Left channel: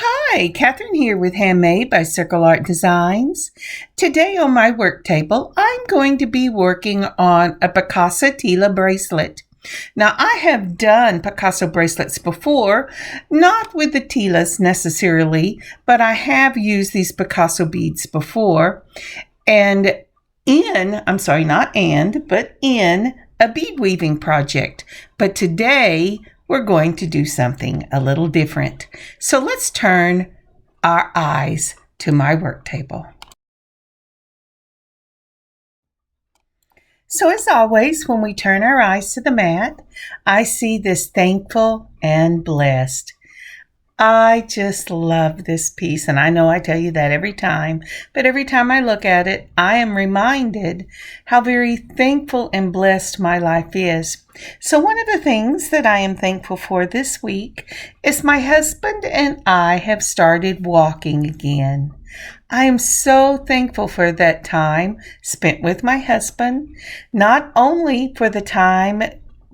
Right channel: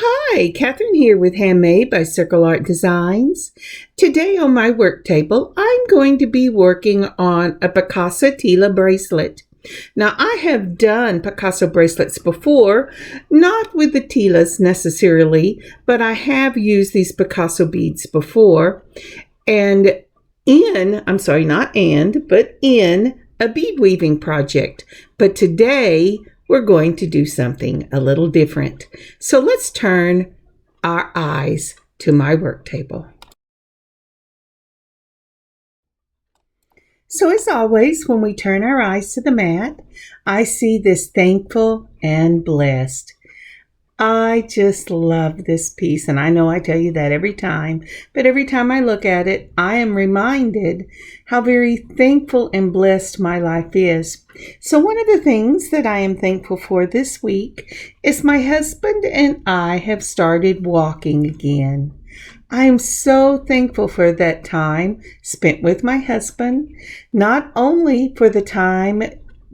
Hi, Kathryn here with Handmade by Circle Art Designs. Today on my work table, I'm going to be working on a Picasso Tila bracelet. Now, I have done Picasso bracelets before, not with the Tilas necessarily, but I have used these Picasso beads before. And in a bead weaving project. But today, we're going to do something a little different. So let's turn our eyes to my work table. So as always, when we turn our eyes to the mat, I see this thankful and blessed. I just love this piece, and I know I tell you that every time, but every time I look at it, I am reminded how very thankful and blessed my life is. So one of the things that I am thankful for this week is my husband and I have started walking again. I am so thankful for that time spent with my husband, not only for the time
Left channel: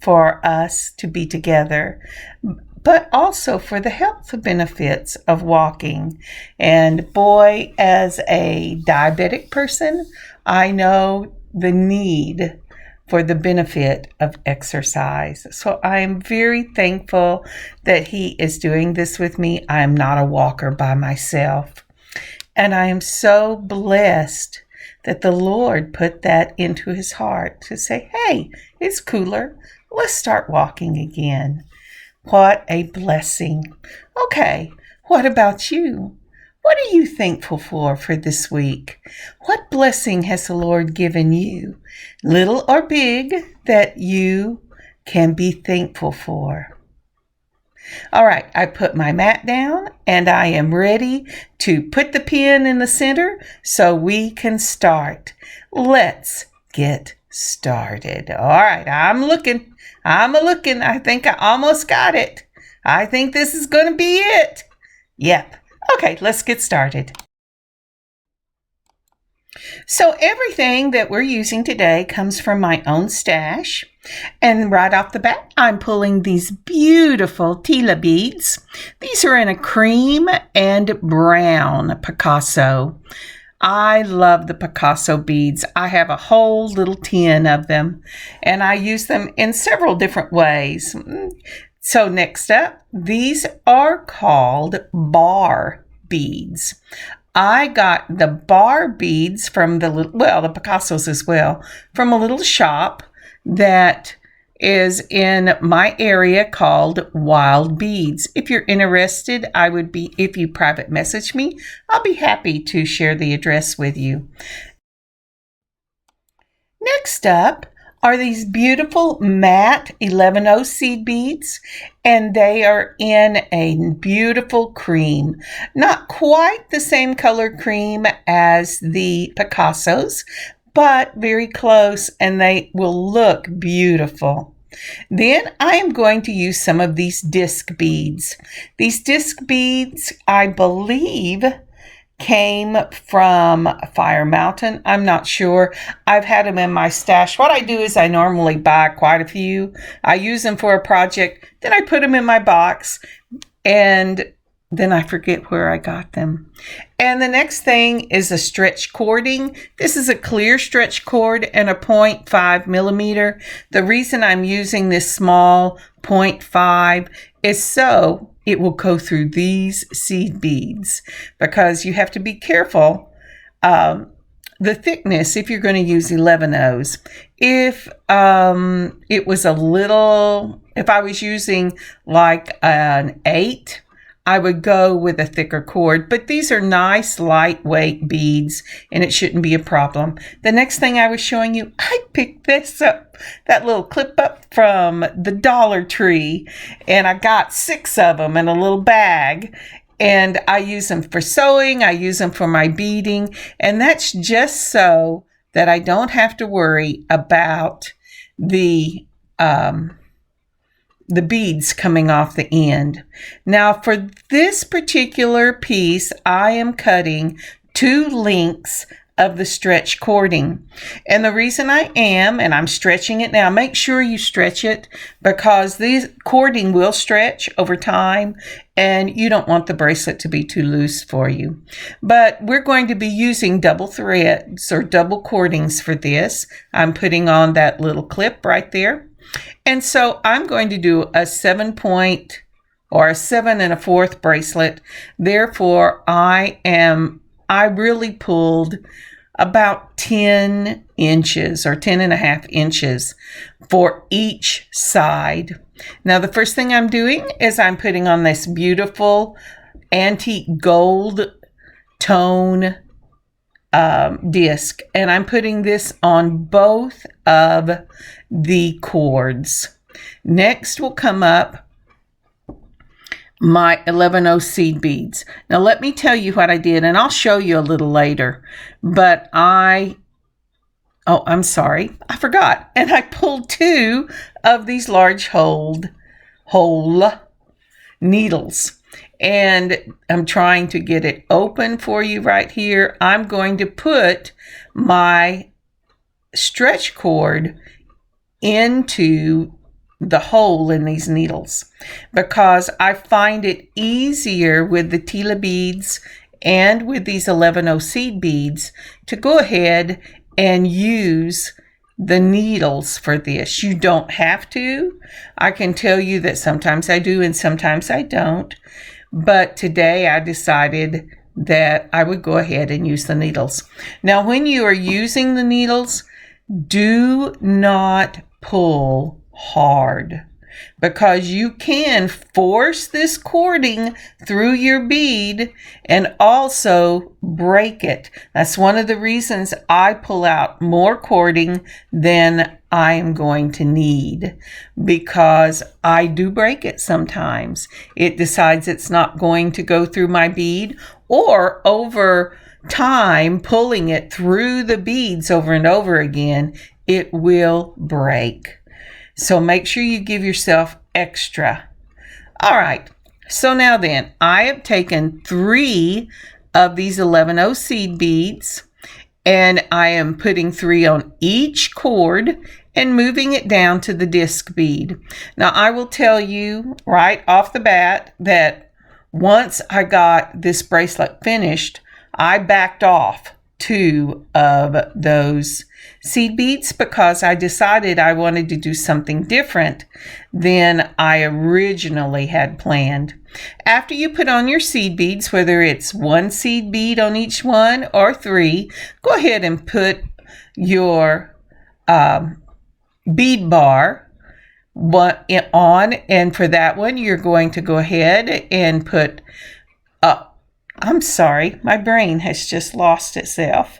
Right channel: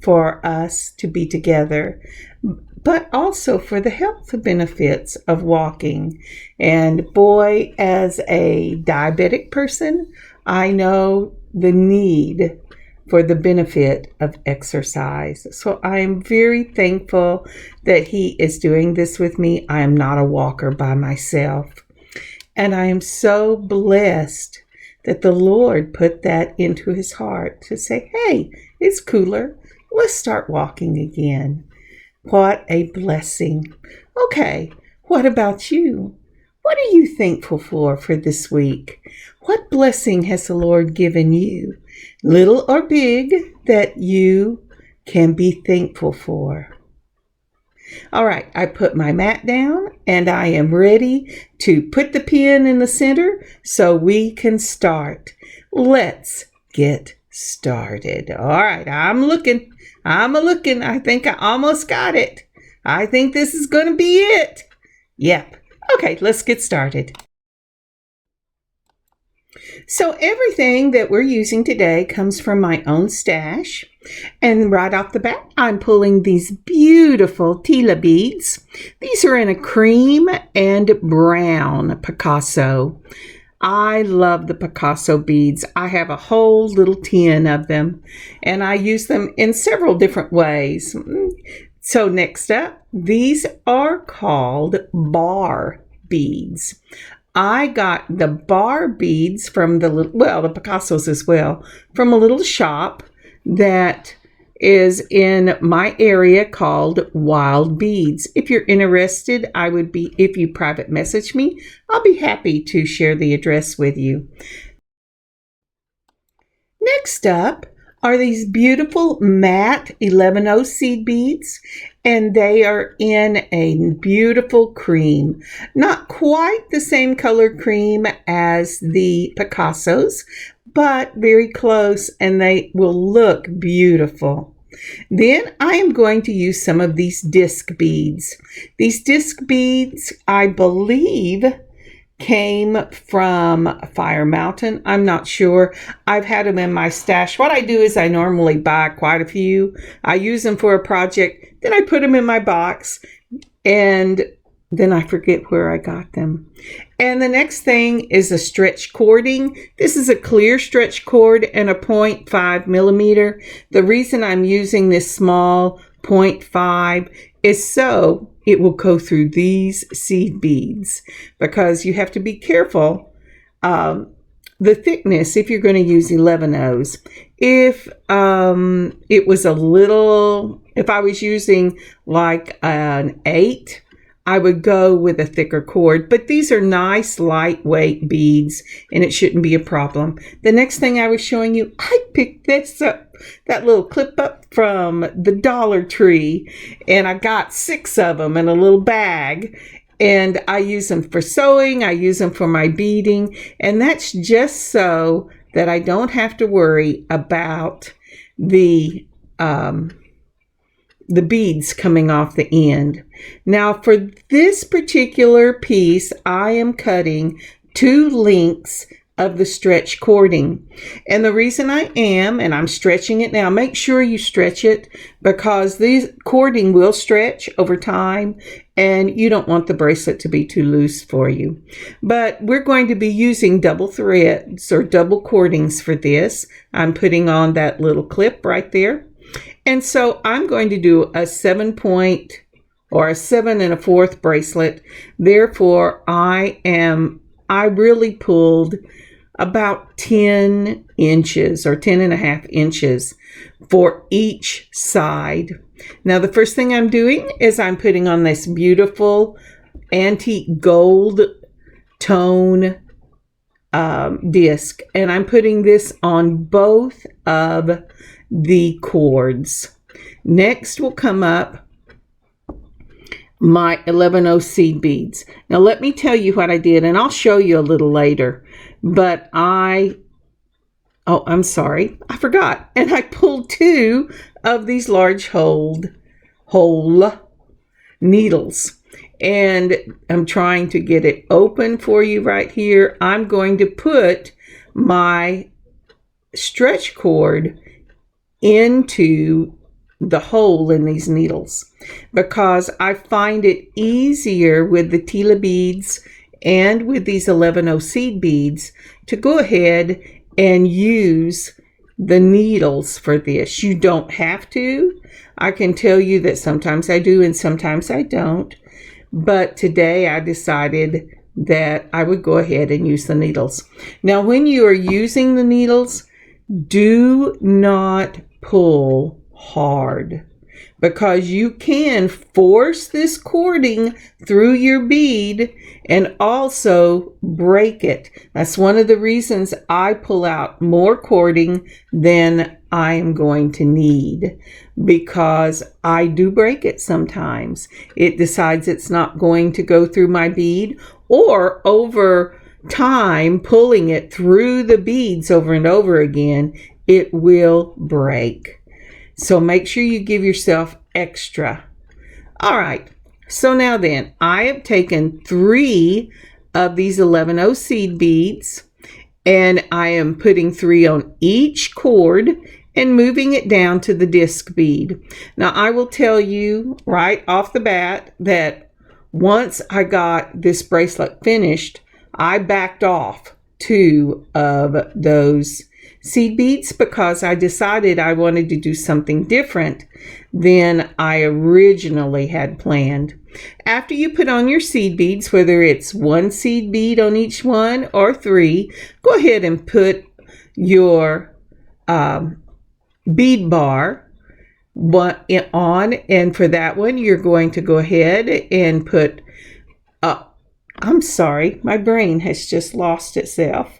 for us to be together, but also for the health benefits of walking. And boy, as a diabetic person, I know the need for the benefit of exercise. So I am very thankful that he is doing this with me. I am not a walker by myself. And I am so blessed that the Lord put that into his heart to say, hey, it's cooler. Let's start walking again. What a blessing. Okay, what about you? What are you thankful for this week? What blessing has the Lord given you, little or big, that you can be thankful for? All right, I put my mat down and I am ready to put the pin in the center so we can start. Let's get started. All right, I'm looking. I think I almost got it. I think this is going to be it. Yep. Okay, let's get started. So everything that we're using today comes from my own stash. And right off the bat, I'm pulling these beautiful Tila beads. These are in a cream and brown Picasso. I love the Picasso beads. I have a whole little tin of them, and I use them in several different ways. So next up, these are called bar beads. I got the bar beads from the Picassos as well, from a little shop that is in my area called Wild Beads. If you're interested, if you private message me, I'll be happy to share the address with you. Next up are these beautiful matte 11-0 seed beads, and they are in a beautiful cream. Not quite the same color cream as the Picassos, but very close, and they will look beautiful. Then I am going to use some of these disc beads. These disc beads, I believe, came from Fire Mountain. I'm not sure. I've had them in my stash. What I do is I normally buy quite a few. I use them for a project, then I put them in my box, and then I forget where I got them. And the next thing is a stretch cording. This is a clear stretch cord and a 0.5 millimeter. The reason I'm using this small 0.5 is so it will go through these seed beads, because you have to be careful the thickness if you're going to use 11-0s. If I was using like an 8, I would go with a thicker cord, but these are nice lightweight beads and it shouldn't be a problem. The next thing I was showing you, I picked this up, that little clip up from the Dollar Tree, and I got 6 of them in a little bag, and I use them for sewing, I use them for my beading, and that's just so that I don't have to worry about the beads coming off the end. Now for this particular piece, I am cutting 2 lengths of the stretch cording. And the reason I am, and I'm stretching it now, make sure you stretch it because this cording will stretch over time and you don't want the bracelet to be too loose for you. But we're going to be using double threads or double cordings for this. I'm putting on that little clip right there. And so I'm going to do a 7-point or a 7 1/4 bracelet. Therefore, I really pulled about 10 inches or 10.5 inches for each side. Now, the first thing I'm doing is I'm putting on this beautiful antique gold tone disc, and I'm putting this on both of the cords. Next will come up my 11/0 seed beads. Now let me tell you what I did, and I'll show you a little later, but I'm sorry, I forgot. And I pulled 2 of these large hole needles, and I'm trying to get it open for you right here. I'm going to put my stretch cord into the hole in these needles because I find it easier with the Tila beads and with these 11/0 seed beads to go ahead and use the needles for this. You don't have to. I can tell you that sometimes I do and sometimes I don't. But today I decided that I would go ahead and use the needles. Now, when you are using the needles, do not pull hard because you can force this cording through your bead and also break it. That's one of the reasons I pull out more cording than I am going to need, because I do break it sometimes. It decides it's not going to go through my bead, or over time pulling it through the beads over and over again, it will break. So make sure you give yourself extra. All right. So now then, I have taken 3 of these 11/0 seed beads, and I am putting 3 on each cord and moving it down to the disc bead. Now, I will tell you right off the bat that once I got this bracelet finished, I backed off 2 of those seed beads because I decided I wanted to do something different than I originally had planned. After you put on your seed beads, whether it's 1 seed bead on each one or 3, go ahead and put your bead bar on, and for that one you're going to go ahead and put I'm sorry, my brain has just lost itself.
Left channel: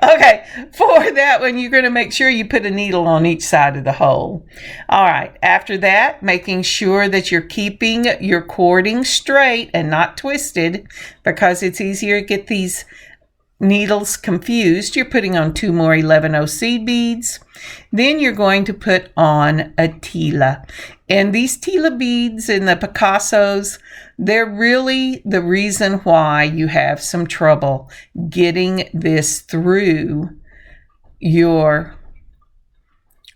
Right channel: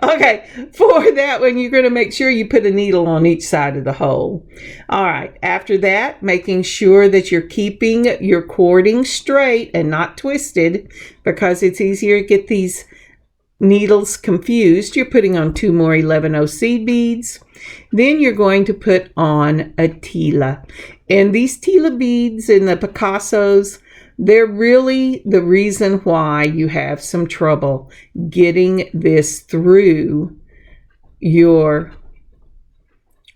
Okay, for that one, you're going to make sure you put a needle on each side of the hole. All right, after that, making sure that you're keeping your cording straight and not twisted because it's easier to get these needles confused. You're putting on 2 more 11/0 seed beads. Then you're going to put on a Tila. And these Tila beads and the Picassos, they're really the reason why you have some trouble getting this through your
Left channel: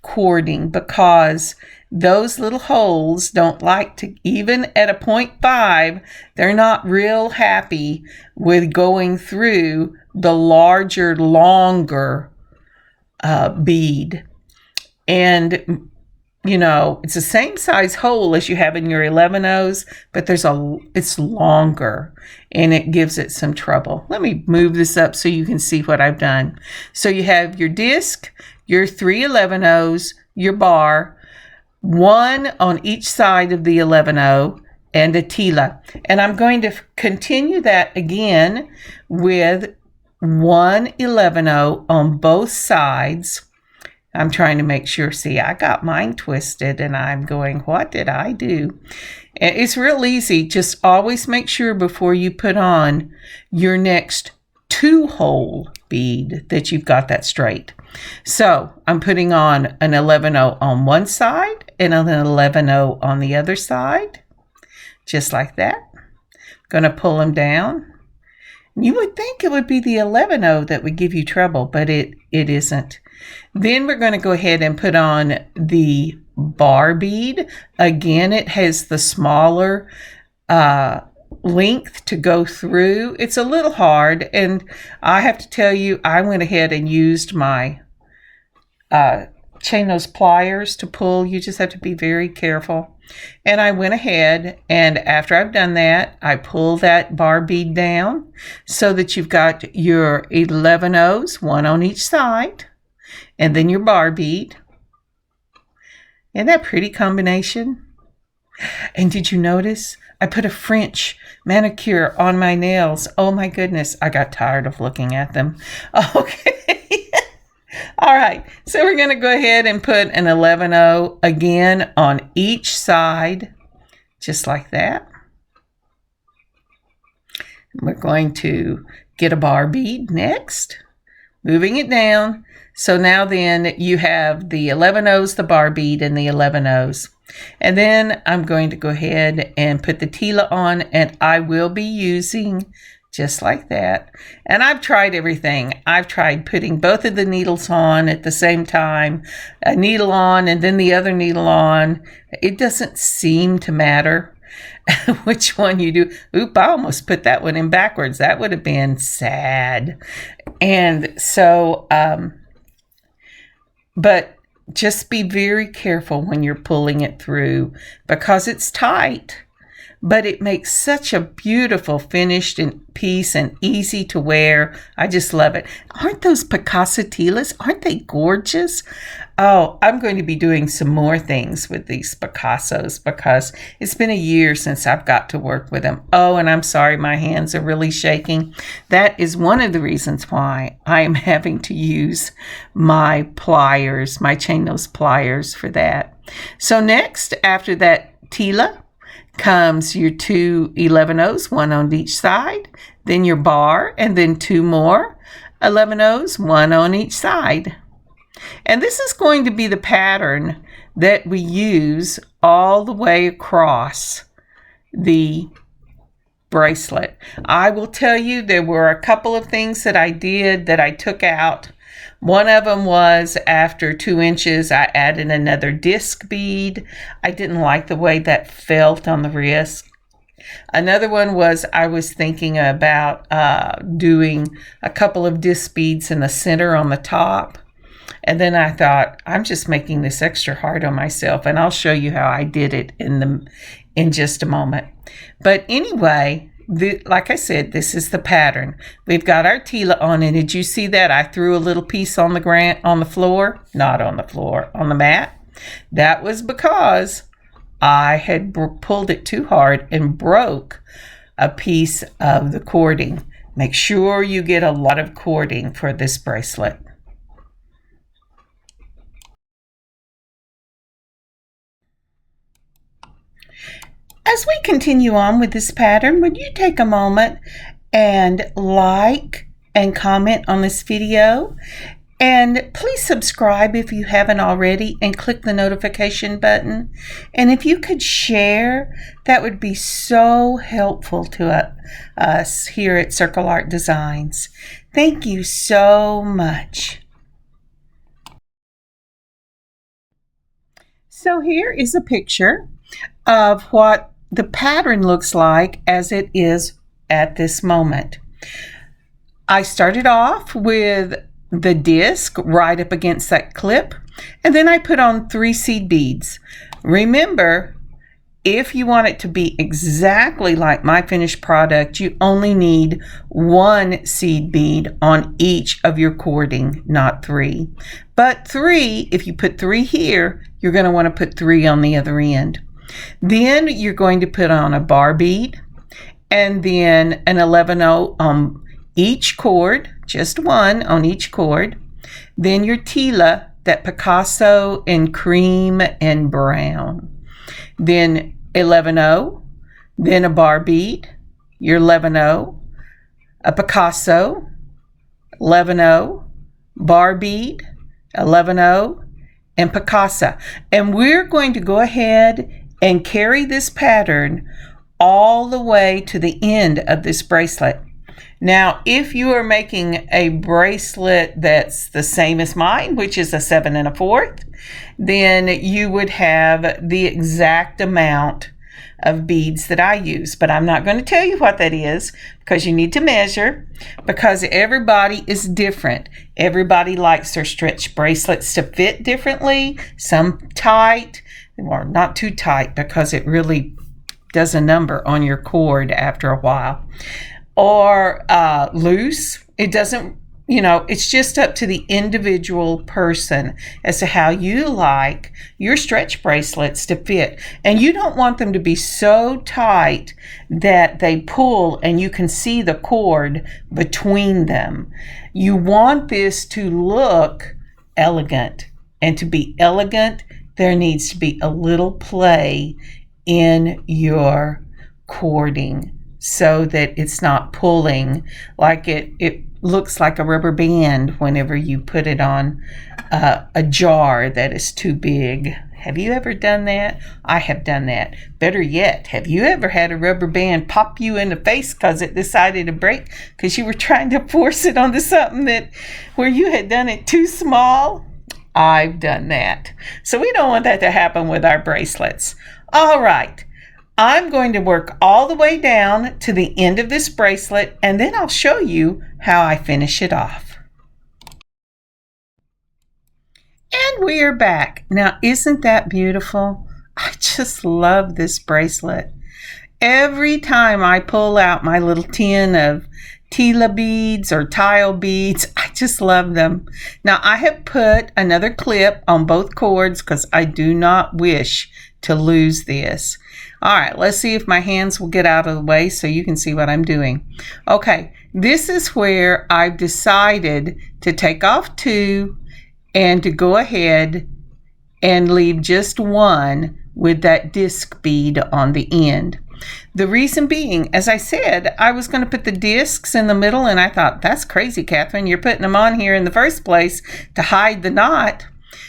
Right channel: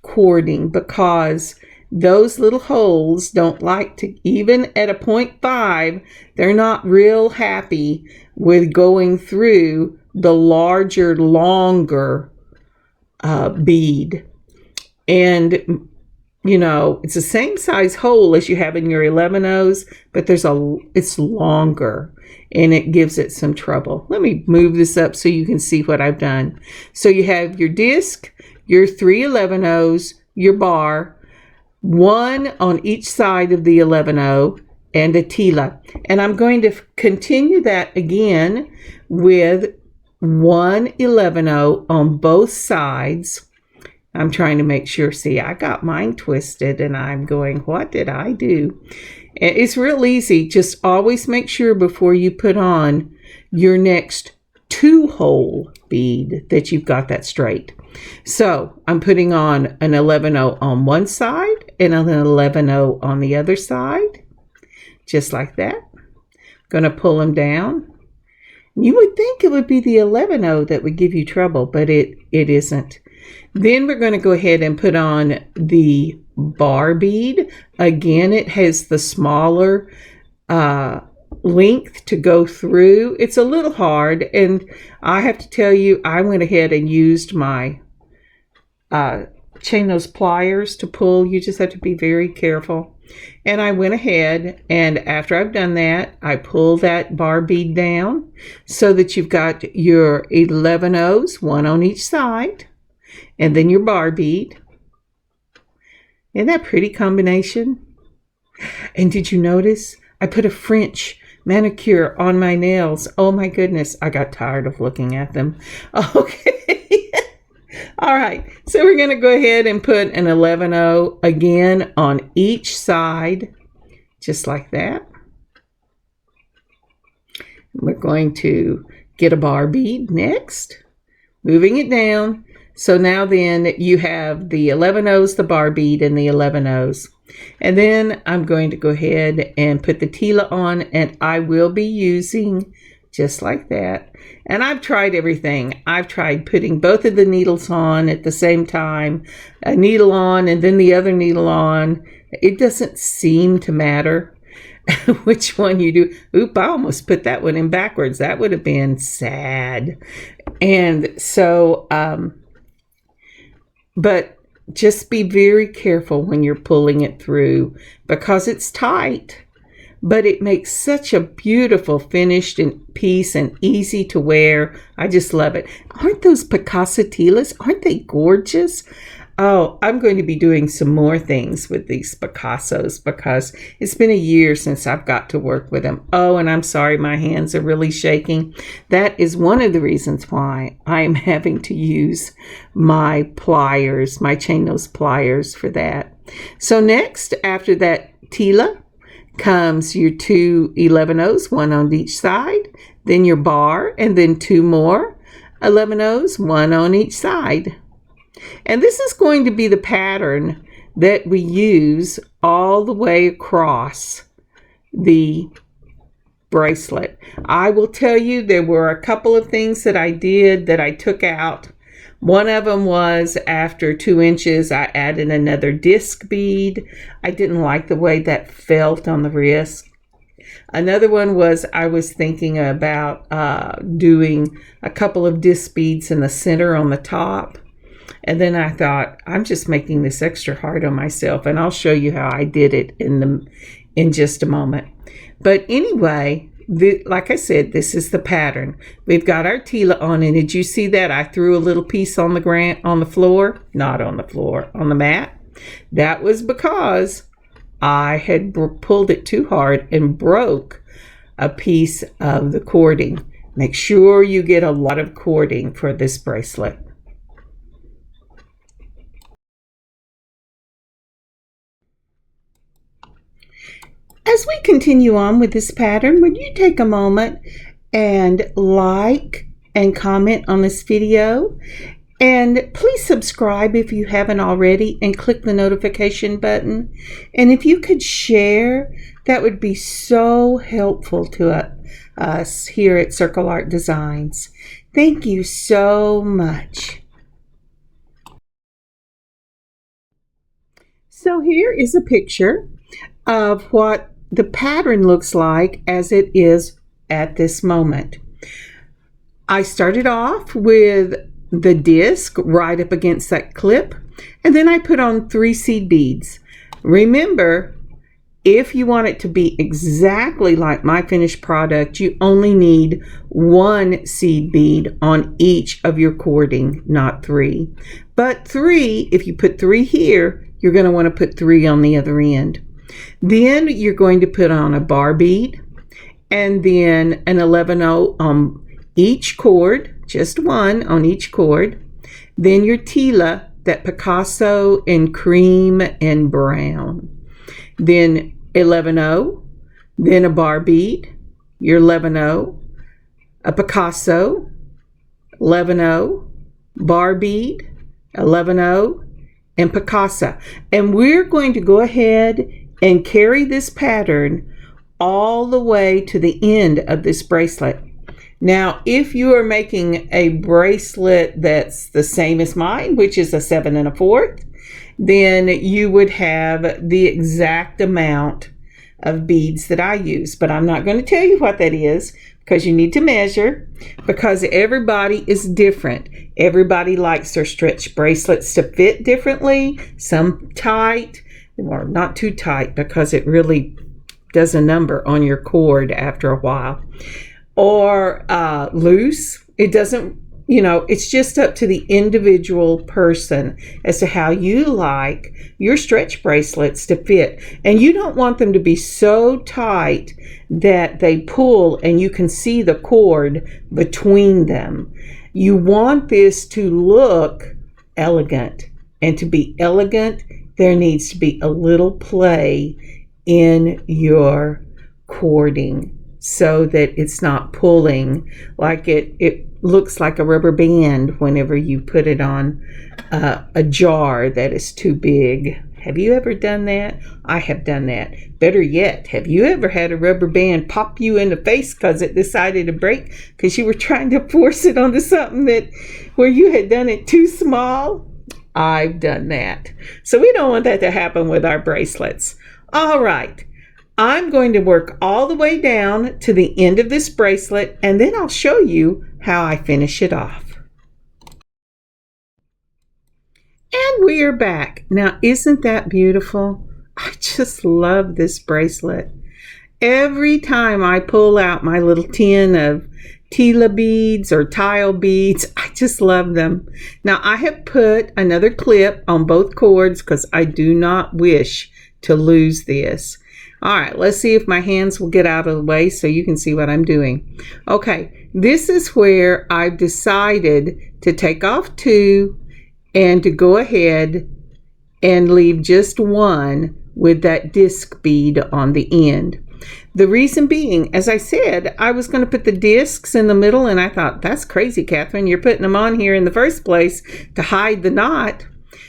cording, because those little holes don't like to, even at a 0.5, they're not real happy with going through the larger, longer bead. And you know, it's the same size hole as you have in your 11/0s, but it's longer and it gives it some trouble. Let me move this up so you can see what I've done. So you have your disc, your 3 11/0s, your bar, 1 on each side of the 11/0, and a Tila. And I'm going to continue that again with 1 11/0 on both sides. I'm trying to make sure. See, I got mine twisted and I'm going, what did I do? And it's real easy. Just always make sure before you put on your next 2-hole bead that you've got that straight. So I'm putting on an 11/0 on one side and an 11/0 on the other side, just like that. Going to pull them down You would think it would be the 11-0 that would give you trouble, but it isn't. Then we're going to go ahead and put on the bar bead. Again, it has the smaller length to go through. It's a little hard, and I have to tell you, I went ahead and used my chain nose pliers to pull. You just have to be very careful. And I went ahead, and after I've done that, I pull that bar bead down so that you've got your 11 O's, one on each side, and then your bar bead. Isn't that a pretty combination? And did you notice I put a French manicure on my nails? Oh my goodness, I got tired of looking at them. Okay. All right, so we're going to go ahead and put an 11-0 again on each side, just like that. We're going to get a bar bead next, moving it down. So now then you have the 11 O's, the bar bead, and the 11 O's. And then I'm going to go ahead and put the Tila on, and I will be using just like that. And I've tried everything. I've tried putting both of the needles on at the same time, a needle on and then the other needle on. It doesn't seem to matter which one you do. Oop, I almost put that one in backwards. That would have been sad. And so, but just be very careful when you're pulling it through because it's tight. But it makes such a beautiful finished piece and easy to wear. I just love it. Aren't those Picasso Tilas? Aren't they gorgeous? Oh, I'm going to be doing some more things with these Picassos because it's been a year since I've got to work with them. Oh, and I'm sorry, my hands are really shaking. That is one of the reasons why I am having to use my pliers, my chain nose pliers for that. So next, after that Tila, comes your two 11 O's, one on each side, then your bar, and then two more 11 O's, one on each side. And this is going to be the pattern that we use all the way across the bracelet. I will tell you there were a couple of things that I did that I took out. One of them was after 2 inches, I added another disc bead. I didn't like the way that felt on the wrist. Another one was I was thinking about doing a couple of disc beads in the center on the top. And then I thought, I'm just making this extra hard on myself, and I'll show you how I did it in just a moment. But anyway, like I said, this is the pattern. We've got our Tila on, and did you see that? I threw a little piece on the floor, not on the floor, on the mat. That was because I had pulled it too hard and broke a piece of the cording. Make sure you get a lot of cording for this bracelet. As we continue on with this pattern, would you take a moment and like and comment on this video? And please subscribe if you haven't already and click the notification button. And if you could share, that would be so helpful to us here at Circle Art Designs. Thank you so much. So here is a picture of what the pattern looks like as it is at this moment. I started off with the disc right up against that clip, and then I put on 3 seed beads. Remember, if you want it to be exactly like my finished product, you only need 1 seed bead on each of your cording, not 3. But 3, if you put 3 here, you're going to want to put 3 on the other end. Then you're going to put on a bar bead and then an 11-0 on each cord, just 1 on each cord. Then your Tila, that Picasso in cream and brown. Then 11-0, then a bar bead, your 11-0, a Picasso, 11-0, bar bead, 11-0, and Picasso. And we're going to go ahead and carry this pattern all the way to the end of this bracelet. Now, if you are making a bracelet that's the same as mine, which is a 7 1/4, then you would have the exact amount of beads that I use. But I'm not going to tell you what that is because you need to measure, because everybody is different. Everybody likes their stretch bracelets to fit differently, some tight, or not too tight because it really does a number on your cord after a while, or loose. It doesn't, it's just up to the individual person as to how you like your stretch bracelets to fit. And you don't want them to be so tight that they pull and you can see the cord between them. You want this to look elegant. And to be elegant, there needs to be a little play in your cording so that it's not pulling like it looks like a rubber band whenever you put it on a jar that is too big. Have you ever done that? I have done that. Better yet, have you ever had a rubber band pop you in the face because it decided to break because you were trying to force it onto something where you had done it too small? I've done that. So we don't want that to happen with our bracelets. All right. I'm going to work all the way down to the end of this bracelet, and then I'll show you how I finish it off. And we are back. Now, isn't that beautiful? I just love this bracelet. Every time I pull out my little tin of Tila beads or tile beads, I just love them. Now, I have put another clip on both cords because I do not wish to lose this. All right, let's see if my hands will get out of the way so you can see what I'm doing. Okay, this is where I've decided to take off 2 and to go ahead and leave just 1 with that disc bead on the end. The reason being, as I said, I was going to put the discs in the middle, and I thought, that's crazy, Kathryn. You're putting them on here in the first place to hide the knot.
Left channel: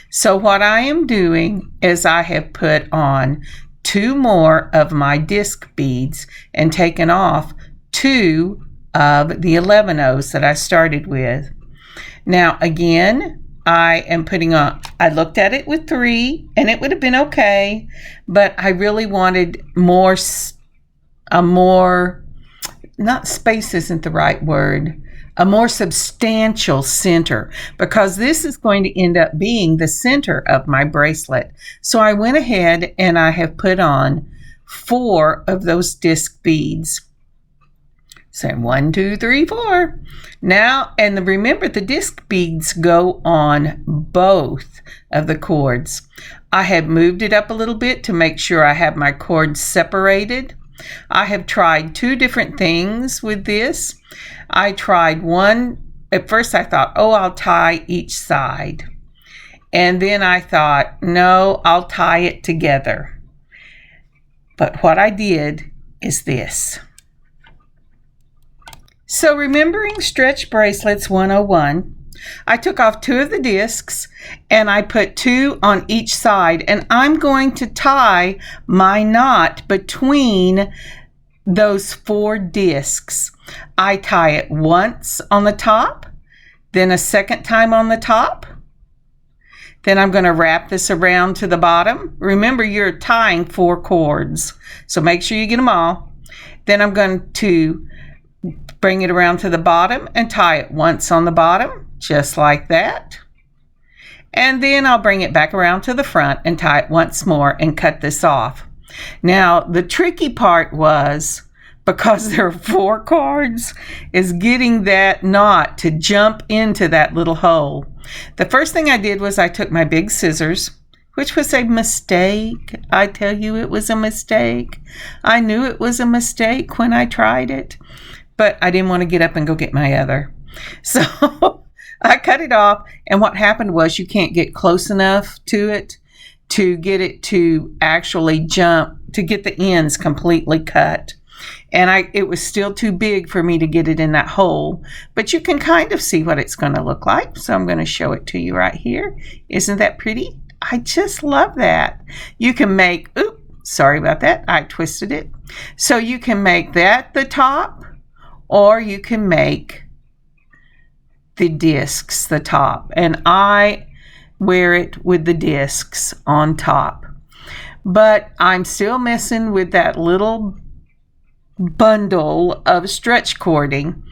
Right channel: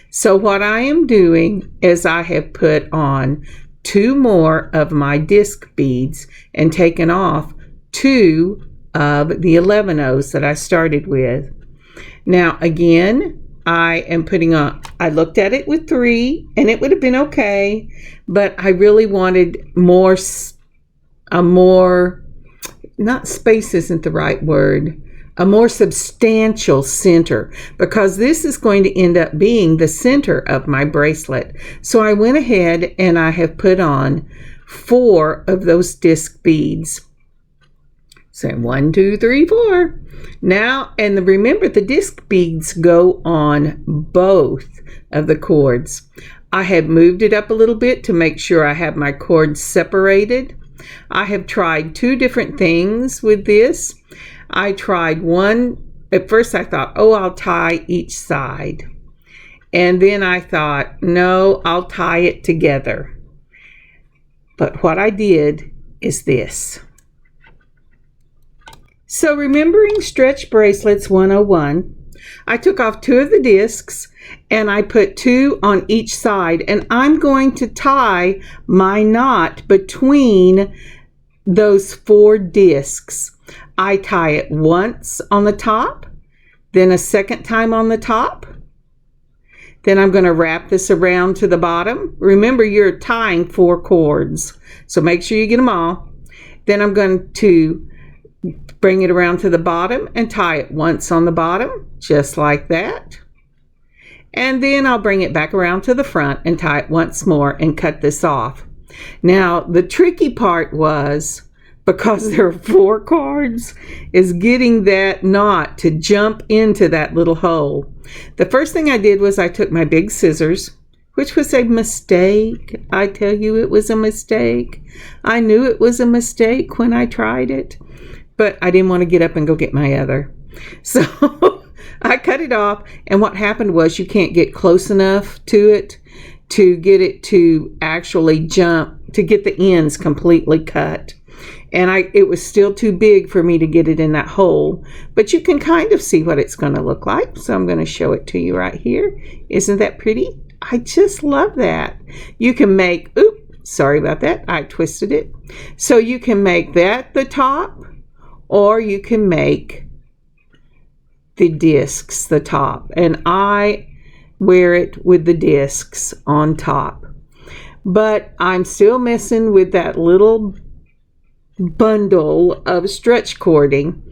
So what I am doing is I have put on 2 more of my disc beads and taken off 2 of the 11-ohs that I started with. Now again, I am putting on, I looked at it with 3 and it would have been okay, but I really wanted not space isn't the right word, a more substantial center, because this is going to end up being the center of my bracelet. So I went ahead and I have put on 4 of those disc beads. So 1, 2, 3, 4. Now, and remember, the disc beads go on both of the cords. I have moved it up a little bit to make sure I have my cords separated. I have tried 2 different things with this. I tried one, at first I thought, oh, I'll tie each side. And then I thought, no, I'll tie it together. But what I did is this. So remembering stretch bracelets 101, I took off 2 of the discs and I put 2 on each side, and I'm going to tie my knot between those 4 discs. I tie it once on the top, then a second time on the top. Then I'm going to wrap this around to the bottom. Remember, you're tying 4 cords, so make sure you get them all. Then I'm going to bring it around to the bottom and tie it once on the bottom, just like that. And then I'll bring it back around to the front and tie it once more and cut this off. Now, the tricky part was, because there are 4 cards, is getting that knot to jump into that little hole. The first thing I did was I took my big scissors, which was a mistake. I tell you, it was a mistake. I knew it was a mistake when I tried it, but I didn't want to get up and go get my other. So I cut it off, and what happened was you can't get close enough to it to get it to actually jump, to get the ends completely cut. And it was still too big for me to get it in that hole, but you can kind of see what it's going to look like. So I'm going to show it to you right here. Isn't that pretty? I just love that. You can make, oops, sorry about that. I twisted it. So you can make that the top, or you can make the discs, the top, and I wear it with the discs on top. But I'm still messing with that little bundle of stretch cording.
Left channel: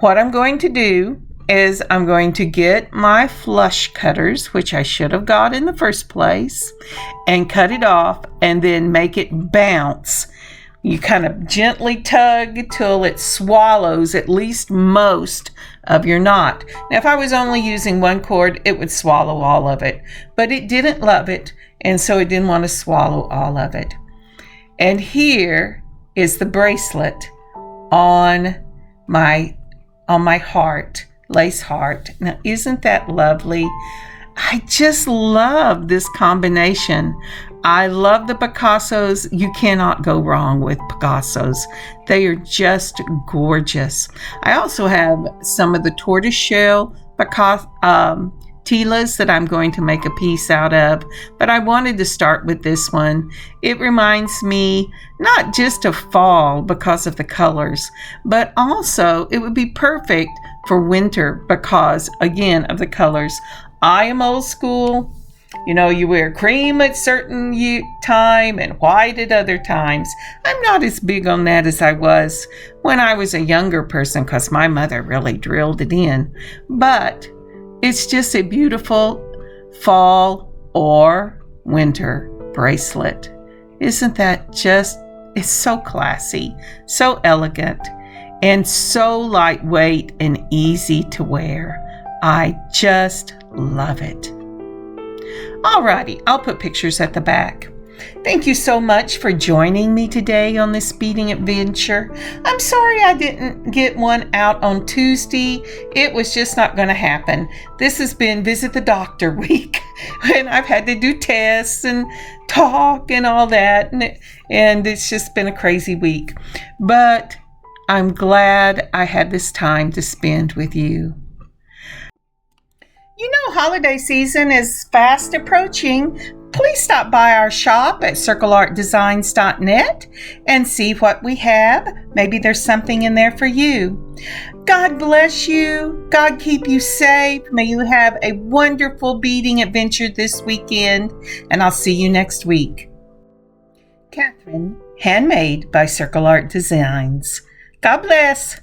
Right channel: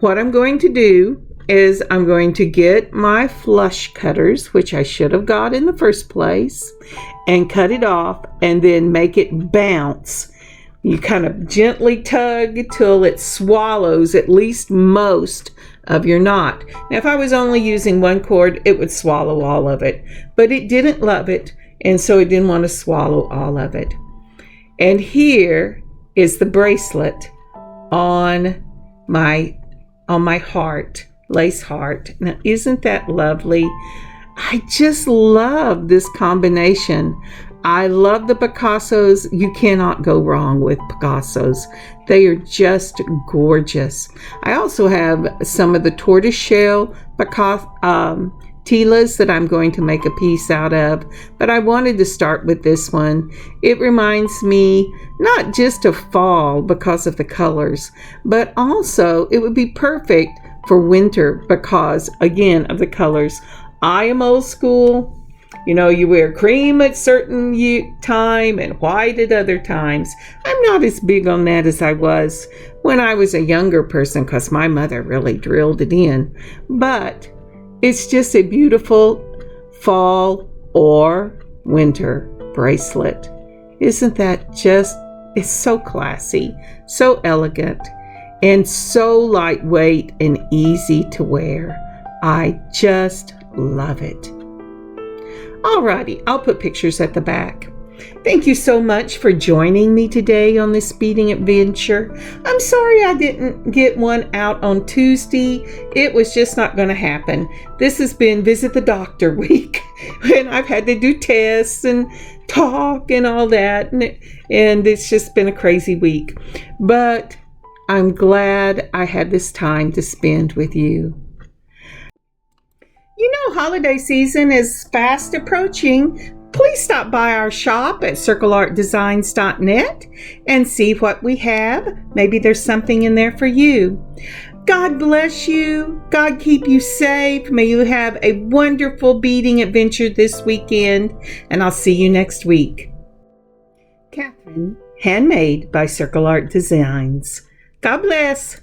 What I'm going to do is I'm going to get my flush cutters, which I should have got in the first place, and cut it off and then make it bounce. You kind of gently tug till it swallows at least most of your knot. Now, if I was only using one cord, it would swallow all of it, but it didn't love it, and so it didn't want to swallow all of it. And here is the bracelet on my heart, lace heart. Now, isn't that lovely? I just love this combination. I love the Picassos. You cannot go wrong with Picassos. They are just gorgeous. I also have some of the tortoiseshell Tilas that I'm going to make a piece out of, but I wanted to start with this one. It reminds me not just of fall because of the colors, but also it would be perfect for winter because, again, of the colors. I am old school. You know, you wear cream at certain time and white at other times. I'm not as big on that as I was when I was a younger person because my mother really drilled it in. But it's just a beautiful fall or winter bracelet. Isn't that just, it's so classy, so elegant, and so lightweight and easy to wear. I just love it. Alrighty, I'll put pictures at the back. Thank you so much for joining me today on this beading adventure. I'm sorry I didn't get one out on Tuesday. It was just not going to happen. This has been Visit the Doctor week, and I've had to do tests and talk and all that, and it's just been a crazy week. But I'm glad I had this time to spend with you. You know, holiday season is fast approaching. Please stop by our shop at circleartdesigns.net and see what we have. Maybe there's something in there for you. God bless you. God keep you safe. May you have a wonderful beading adventure this weekend, and I'll see you next week. Kathryn, handmade by Circle Art Designs. God bless.